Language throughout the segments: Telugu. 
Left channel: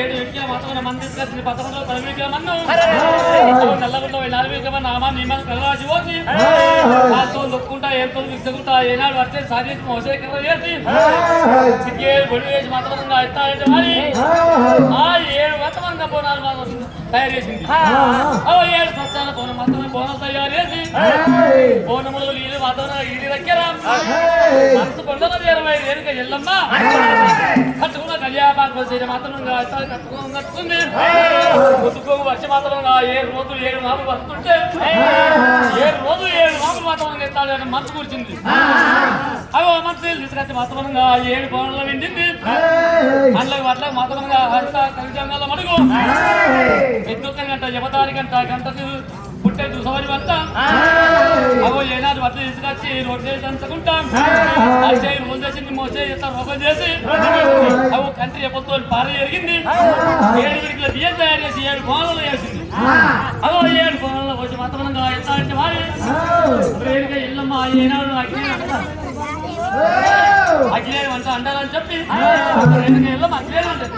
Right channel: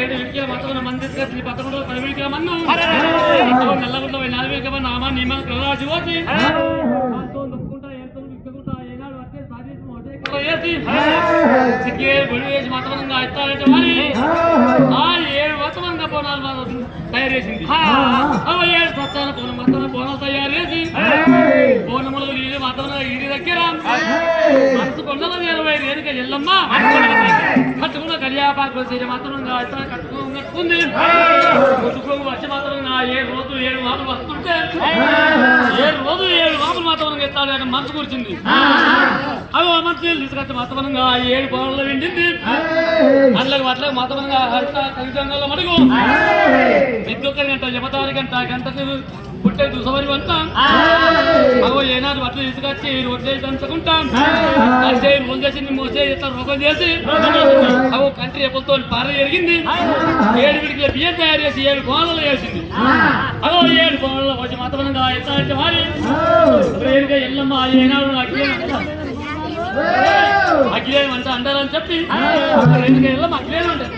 ఏడు విద్య మొత్తం మంది తీసుకొచ్చి 11 12 మన్ను నల్లగుండ 4 నామా నియమాలు కలరాజు వచ్చి దాంతో నొక్కుంటా ఏంతో విసుకుంటా ఏనాడు వచ్చే సాధించి మోసేకర చేసి సిగ్గేడు బొడి వేసి మతమంగా ఇస్తాడంటే మరి ఆ 7 మతమంగా బోనాలు మాత్రం తయారు చేసింది 7 స్వచ్ఛాన బోనం తయారు చేసి బోనములు నీళ్ళు వాతావరణం ఇంటి దగ్గర మనసు కొండల 20 ఏనుక ఎల్లమ్మ కట్టుకున్న కళ్యాపాకు మాత్రంగా కట్టుకున్నట్టుంది ముసుకు వచ్చి మాత్రంగా 7 రోజులు 7 మాటలు వస్తుంటే 7 రోజులు 7 మాటలు వాతావరణం ఎత్తాలని మనసు కూర్చుంది అవి మనసు తీసుకొచ్చి వాతావరణంగా 7 కోణంలో నిండింది అందులోకి వాటికి వాతావరణంగా కలిజంగాల మడుగు ఎద్దొక్క గంట జపతారి గంటకు పుట్టే దుసవరి అంతా అవి ఏనాడు వడ్లు తీసుకొచ్చి రొట్టె దంచుకుంటాం అచ్చే ముందేసి మోసే రోగం చేసి అవి కంటి ఎప్పులతో పార ఎరిగింది 7 విడికల బియ్యం తయారు చేసి 7 కోణాలు వేసింది అదో 7 కోణాల్లో వచ్చి మతమంగా ఎత్తాలంటే మరి రేణుగా ఎల్లమ్మ ఏనాడు అఖిలేయం అంట అంటారని చెప్పి రేణుగా ఎల్లమ్మ అఖిలేయం అంటారు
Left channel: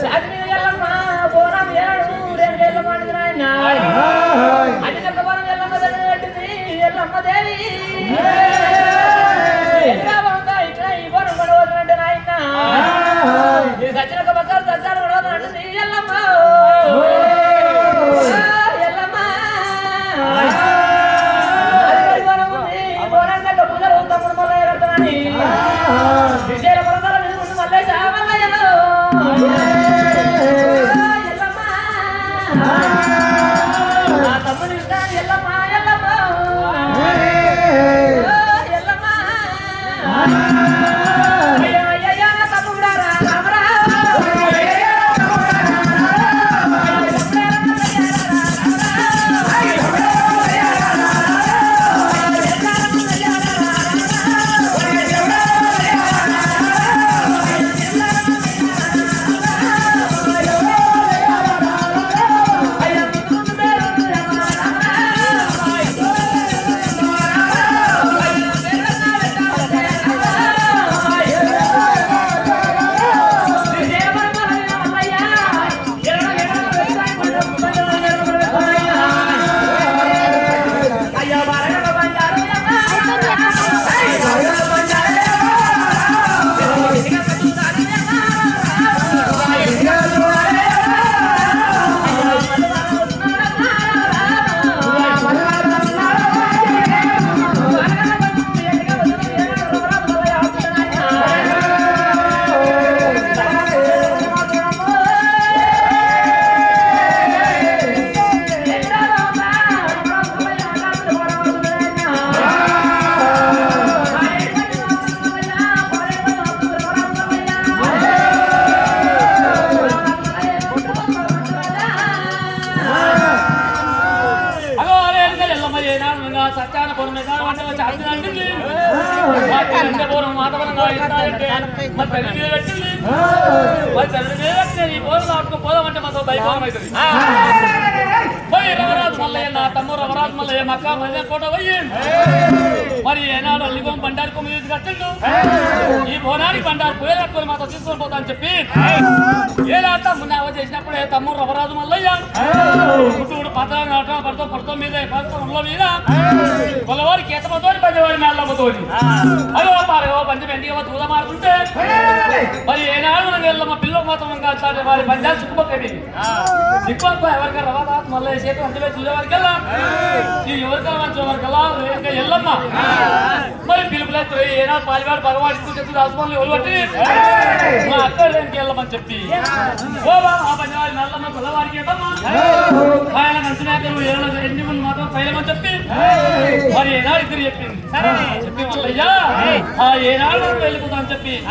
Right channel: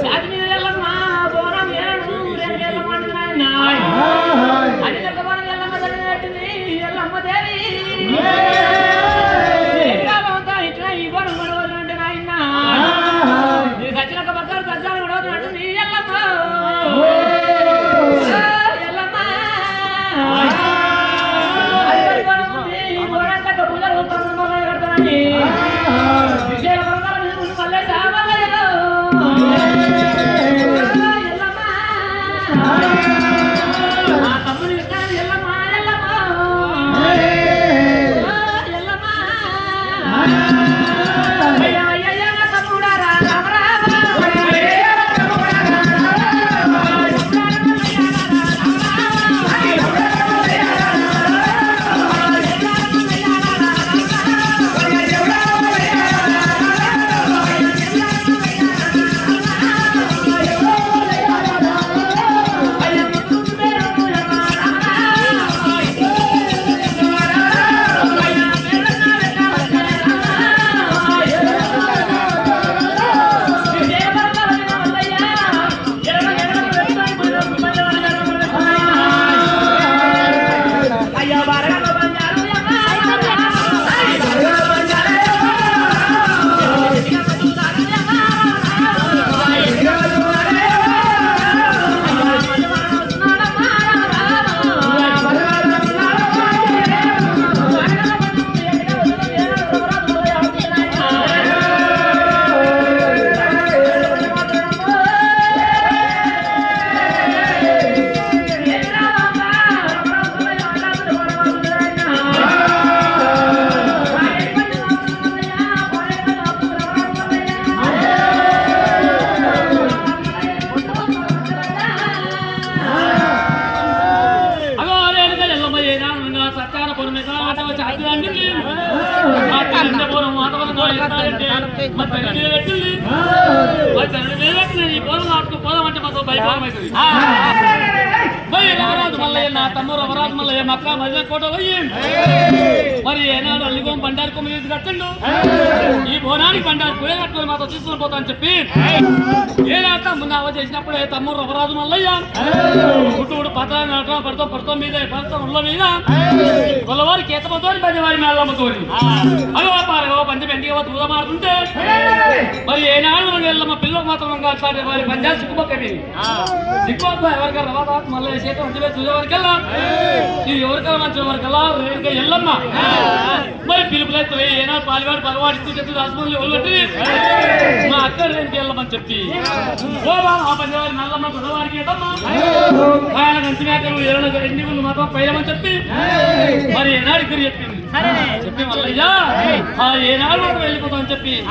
సాటి మీద ఎల్లమ్మ బోనం ఏడు రేగేళ్ళ పండుగ నాయన అన్ని దగ్గర ఎల్లమ్మ దగ్గర పెట్టింది ఎల్లమ్మ దేవి ఇట్లా ఈ బోనం గొడవలంటే నాయన సచ్చినక బక్కలు సజ్జాలు గొడవలంటుంది ఎల్లమ్మ ఎల్లమ్మ విజయ తమ్ముడు ఎల్లమ్మ ఎల్లమ్మ ఎల్లమ్మ పోదామంటే మాతో భయపడమవుతుంది రమరాజు మల్లయ్య నా తమ్ముడు రమరాజు మల్లయ్య మక్క మధ్య కోట పోయి మరి ఏనాడు అల్లిగం బండారు మీద కట్టండు ఈ బోనానికి బండారు పోయేటప్పుడు మాతో చూసుకొని పోతా అని చెప్పి ఏలాట మున్నావ చేసినప్పుడే తమ్ముడు రమరాజు మల్లయ్య పుట్టుడు పడతాం మీద ఉళ్ళ మీద కొల్లవారి కేతమతో పంచవారి మేళ్ళమ్మతో అదో పారగో పంచ పెండిగా తూద మారుతుంటే మరి ఏనాడు మనం వెళ్ళమ్మ పిల్లలు మాత్రం కాదు వారి పంచాలు సిక్కుపోకండి సిక్కుపోతున్నా ఎవరికైనా రవాబాద్ మళ్ళీ చేతి ఉంటే చూసేవారికల్లా ఇది ఎవరికైనా మంచి వారికల్లా ఎల్లమ్మ మరి పిలుపులైతే ఏనాడు పాలివాడు భగవాన్ చెప్తే రాజమౌళి ఒళ్ళొట్టి మా అక్కడ దేనికి వెళ్ళమని చెప్పి ఓ బా ఆ పంచవారి నల్లమ్మ కొల్లవారికి ఆయన మంచి మేకలు ఎన్ని మంది మాత్రం పైలమని చెప్పి మరి ఏనాడు ఇద్దరు చెప్పింది చెప్పి మల్లయ్యా ఆ ఏనాడు వెళ్ళిపోతామని చెప్పి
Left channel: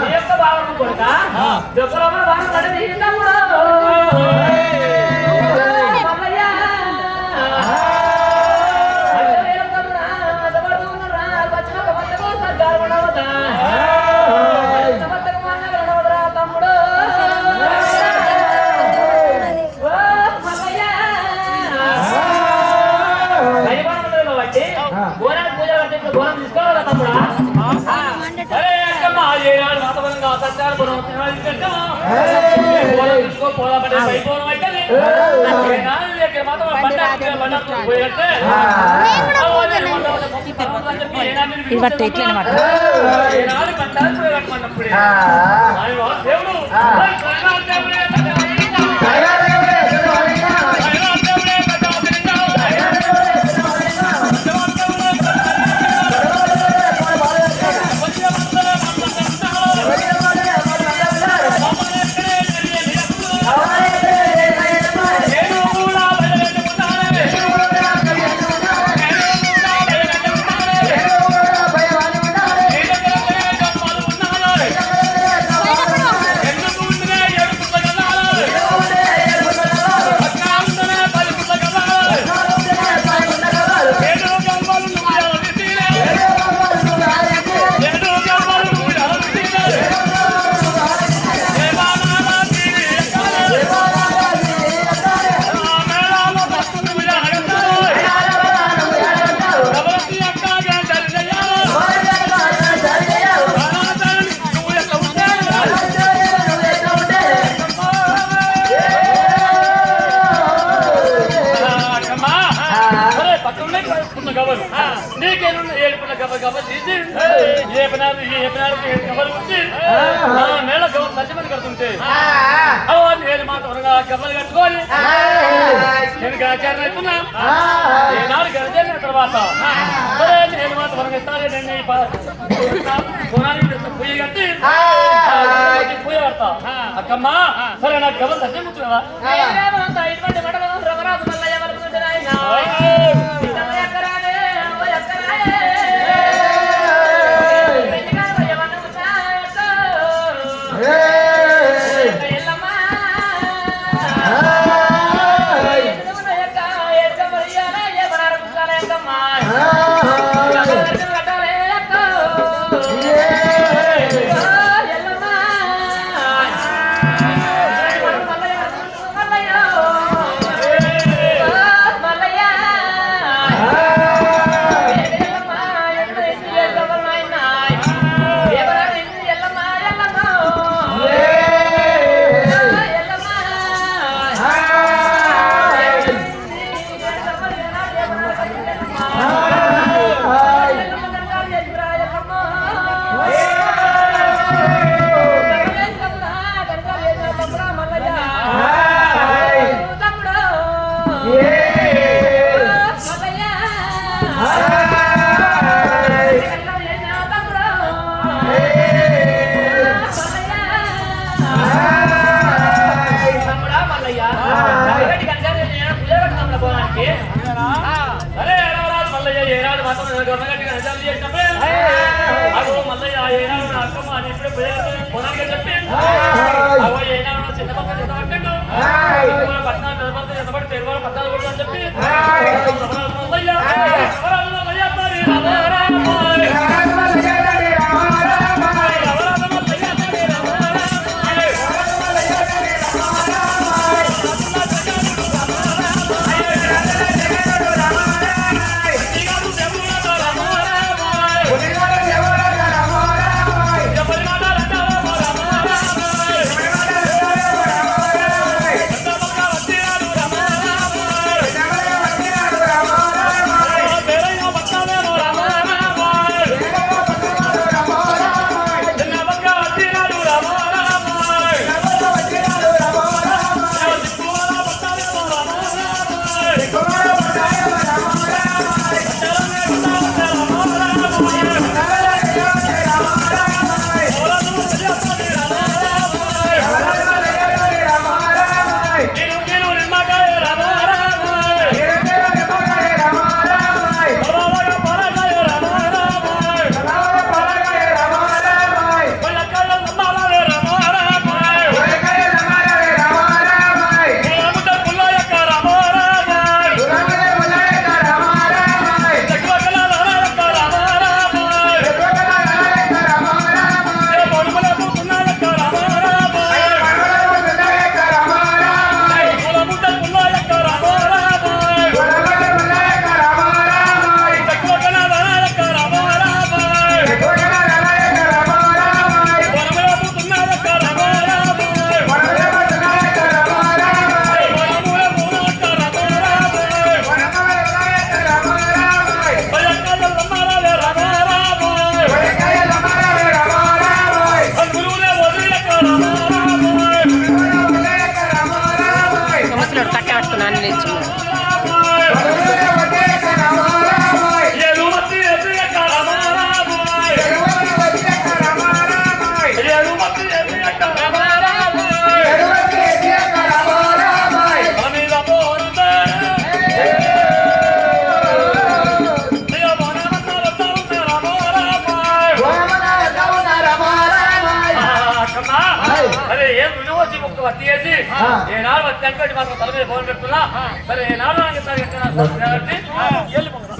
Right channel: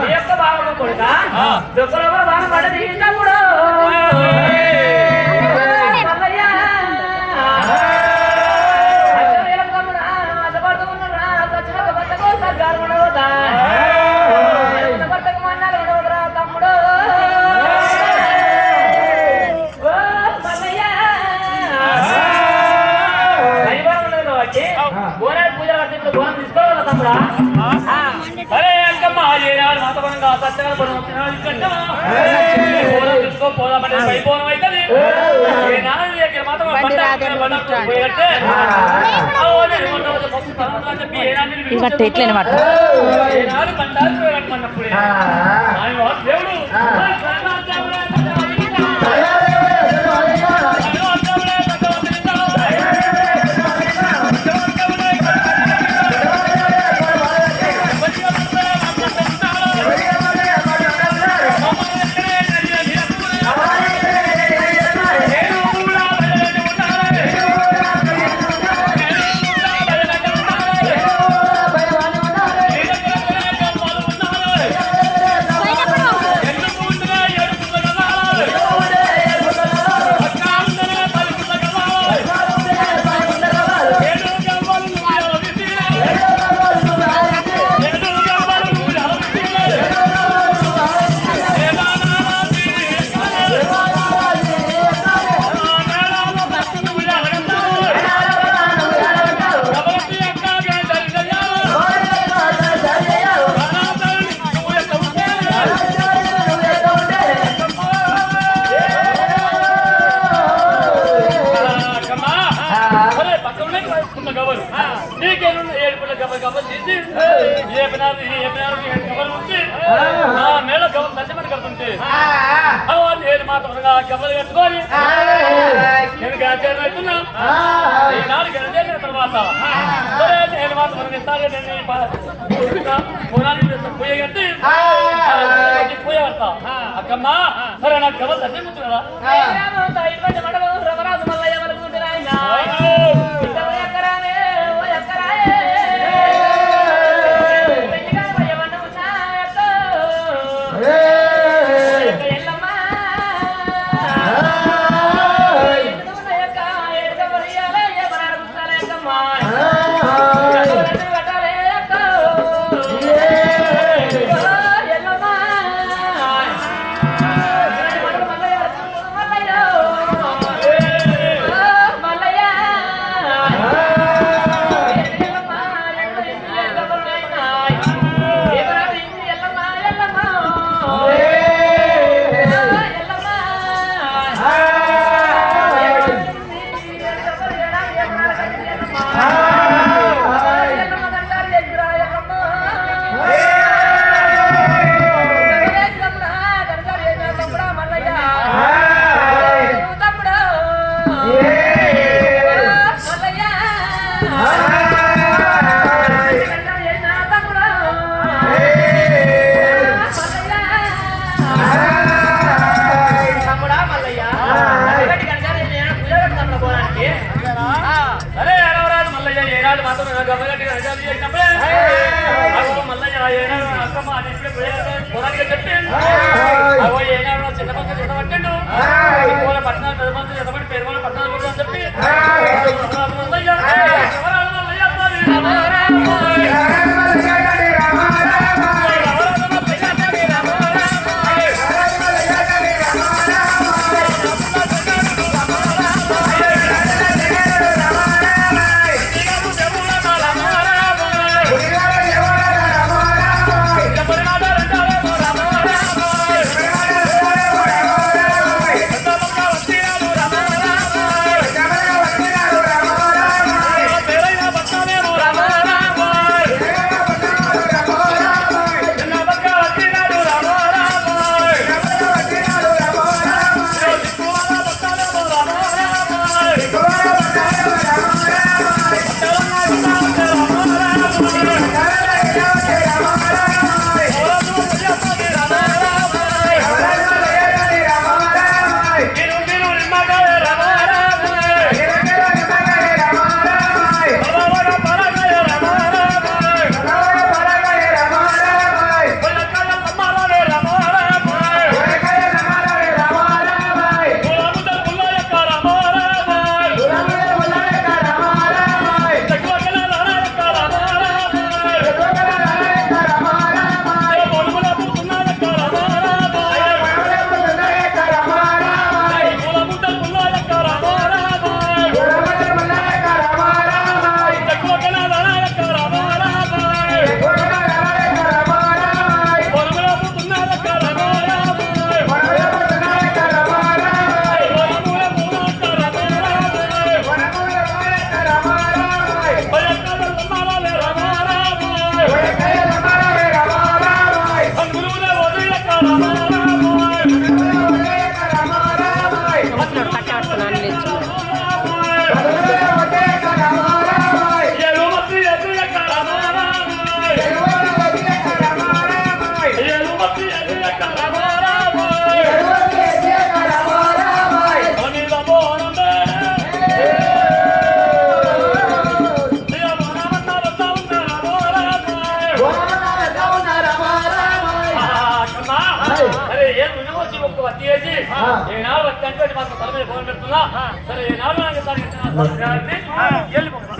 నీ యొక్క బావకు కొడుక దుఃఖలోపల బాణం పడ్డది తమ్ముడు ఇది పట్టు ఎట్లనే మాట నీకేనున్న ఏడుపుల గబలు తీసి ఏ పనారు గబలు ఉంచి నా మేళ గబలు దర్శమని కడుతుంటే అవన్నీ ఏడు మాత్రంగా గబలు కట్టుకొని నేను గాచారం అవుతున్నా ఈనాడు గడిచిన తర్వాత నేను మాత్రం ఇస్తాను పొయ్య కట్టి పొయ్య కడతా అక్కమ్మా సరే నాకు గబలు దర్శనం కదా రమరాజు మల్లయ్య ఏనాడు వచ్చి అంటే మాకు తల మీద ఫోన్ పెడుతున్నా సరే ఏనాడు నాకు వెళ్ళిపోతున్నా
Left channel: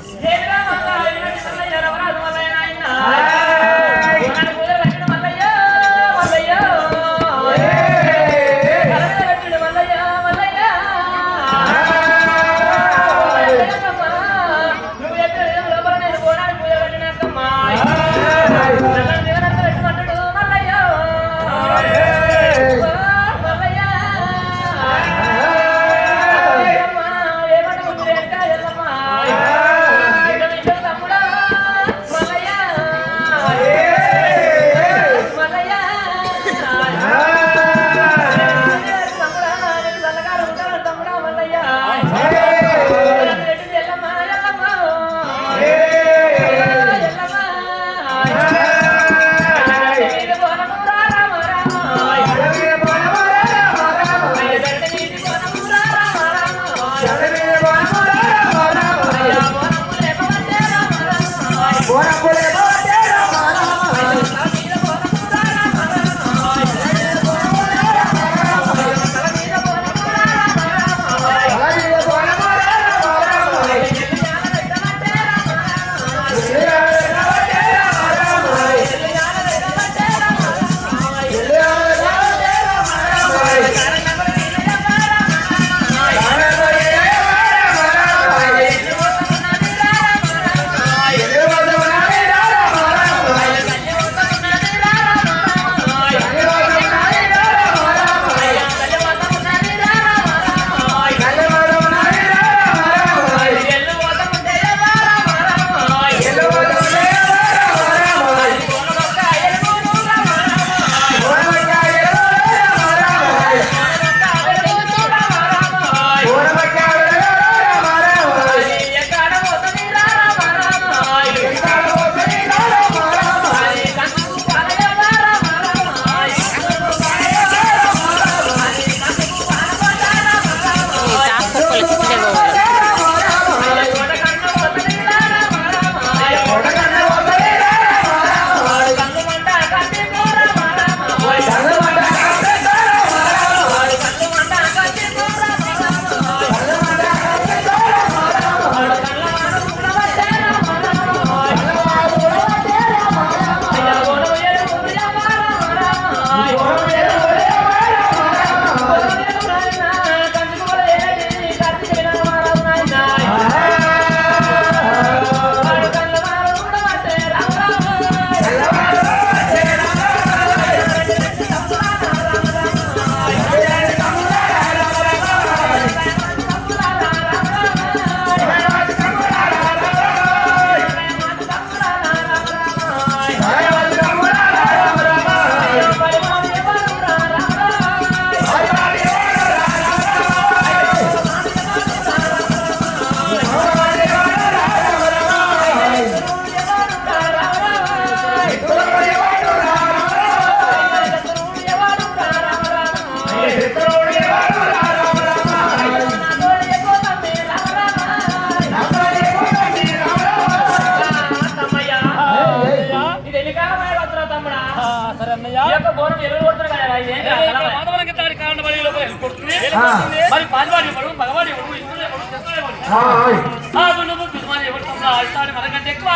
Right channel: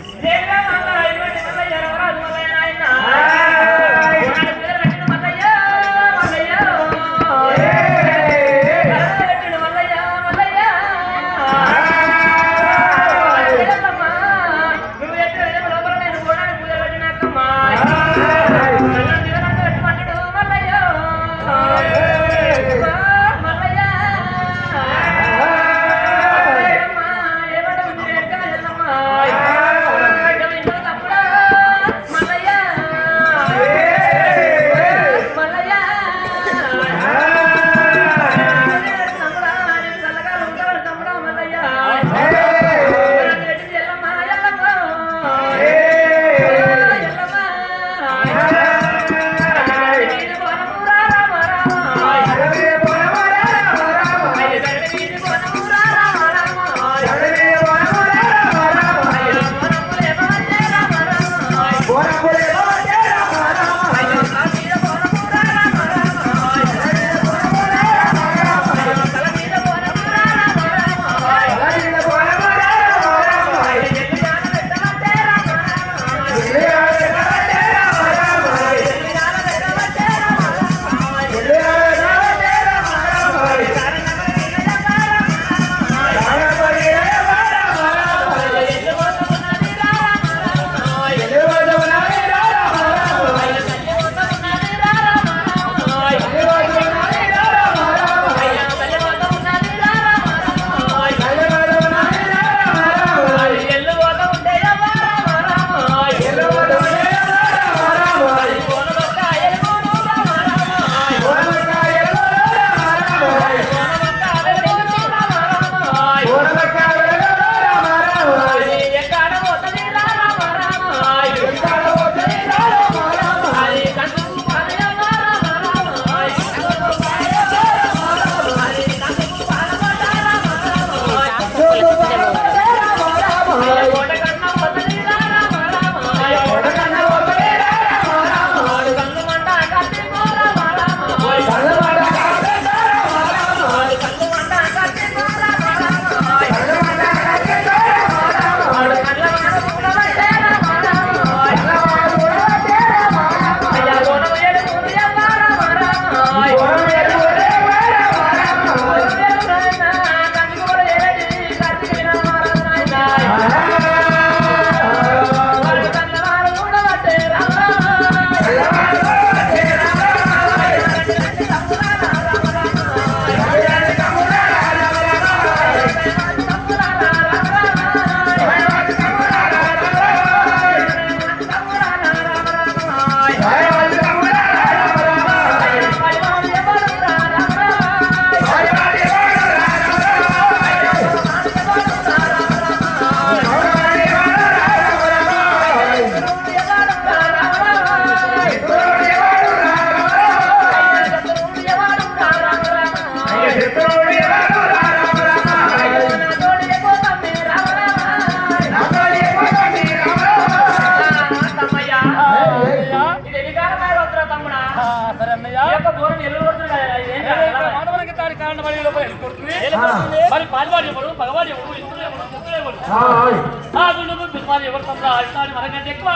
మరి పాల్వాడి ఎవడు మగవాడి ఎవడు ఇంద్రుడు ఎవడు చంద్రుడు ఎవడు ఆ గుండము దుర్మాని ఎవడు తమ్ముడు ఆస్తాడు మనకంటే ఎక్కువ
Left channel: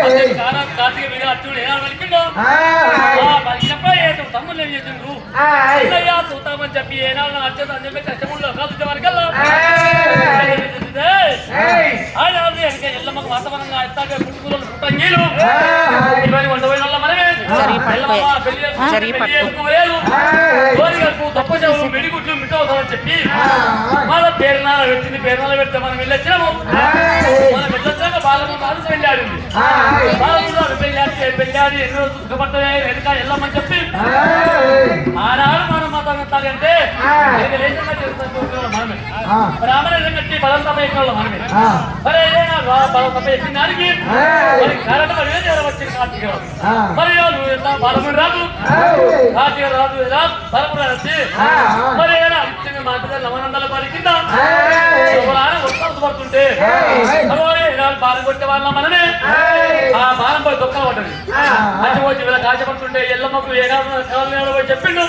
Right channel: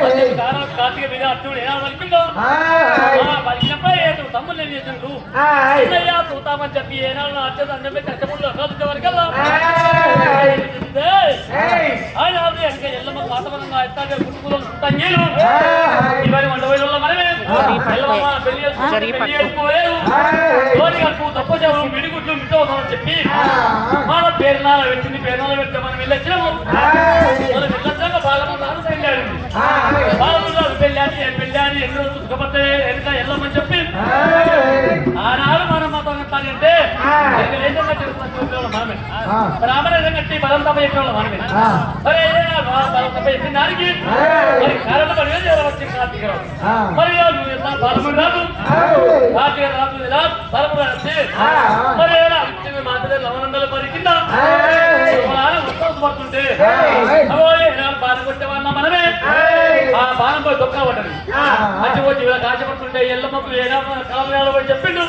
అదే కార్తీక బిడ్డ అర్జునుడు ఎలా పలికిండు పలికినప్పుడు ఏదో తమ్ముడు ఏం చేసిండ్రు అన్నయ్య చూతామని చెప్పి ఏనాడు అర్జునుడు అని చెప్పి కష్టముల్లో కాదువారికల్లా ఆయన ఎల్లమ్మకు వాతావరణంగా ఎత్తాగా కుటుంబంలో పుట్టంగీలు ఇవన్నీ వండవైన మనమే తప్పచావు మిడిగుడ్లు మిట్టవుతామని చెప్పి మన పేరునాల పెట్టింది పేరునాల పెడితే మనం వెళ్ళొచ్చాము మనం వెళ్ళొచ్చాక బాలముందు వెళ్ళాడు బాలముందు వెళ్ళాడు ఎన్నో సుఖపడతాయి వెనక వెళ్ళమని చెప్పి ఆనాడు మనం మతం ఎత్తాలంటే మనమే బ్రాహ్మణ కట్టి బలం తప్ప ఎక్కడ మనమే మరి బలం తప్ప ఎక్కిన దానికి మరి కరెంట్ పడి వచ్చి కార్తీక మరి నువ్వు ఎలా బలముడు రాదు కార్తీక రాదు ఎలా బలముడు వచ్చి మరి ఎలా ఇచ్చింది మన పిల్లలు లవనందల పరి కింద పడుతుంటే బాణం కొట్టే వాళ్ళ మనమే ఆ బాణం పడి దొక్క పడ్డది అచ్చిపోయి ఇలా కాశపడుతుంటే ఎల్లమ్మకు ఏనాడు కాలు పోయి చెప్పిండు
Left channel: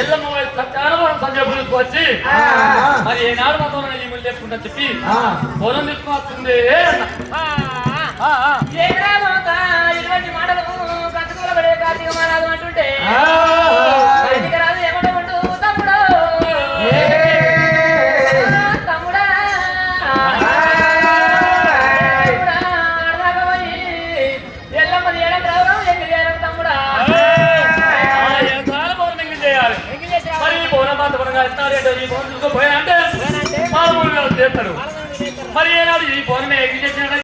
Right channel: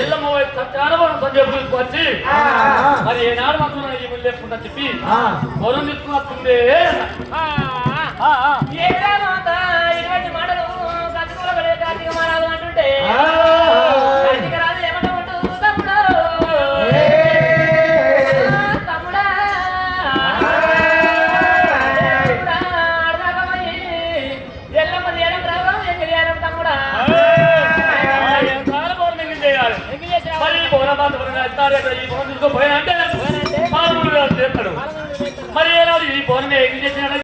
ఎల్లమ్మ చక్కగా చెప్పులకు వచ్చి మరి ఏనాడు మాత్రం ఈ ముళ్ళు లేకుండా చెప్పి పొలం తీసుకుని వస్తుంది ఇటువంటి మాటలు కట్టుకోలబడే కార్తీక మారాలు అంటుంటే రాదు ఏమంటూ తమ్ముడు తమ్ముడా అడగపోయి ఎల్లమ్మది ఏడం రావడం ఎగిరి తమ్ముడా చేయాలి మరి బోనబాత పరంగా ఇస్తారేటో ఈ ఫోన్ తీసుకుపోయినంటే మామూలుగా చేస్తాడు మరి ఏనాడు ఈ ఫోన్ ఎక్కి చేసినట్టు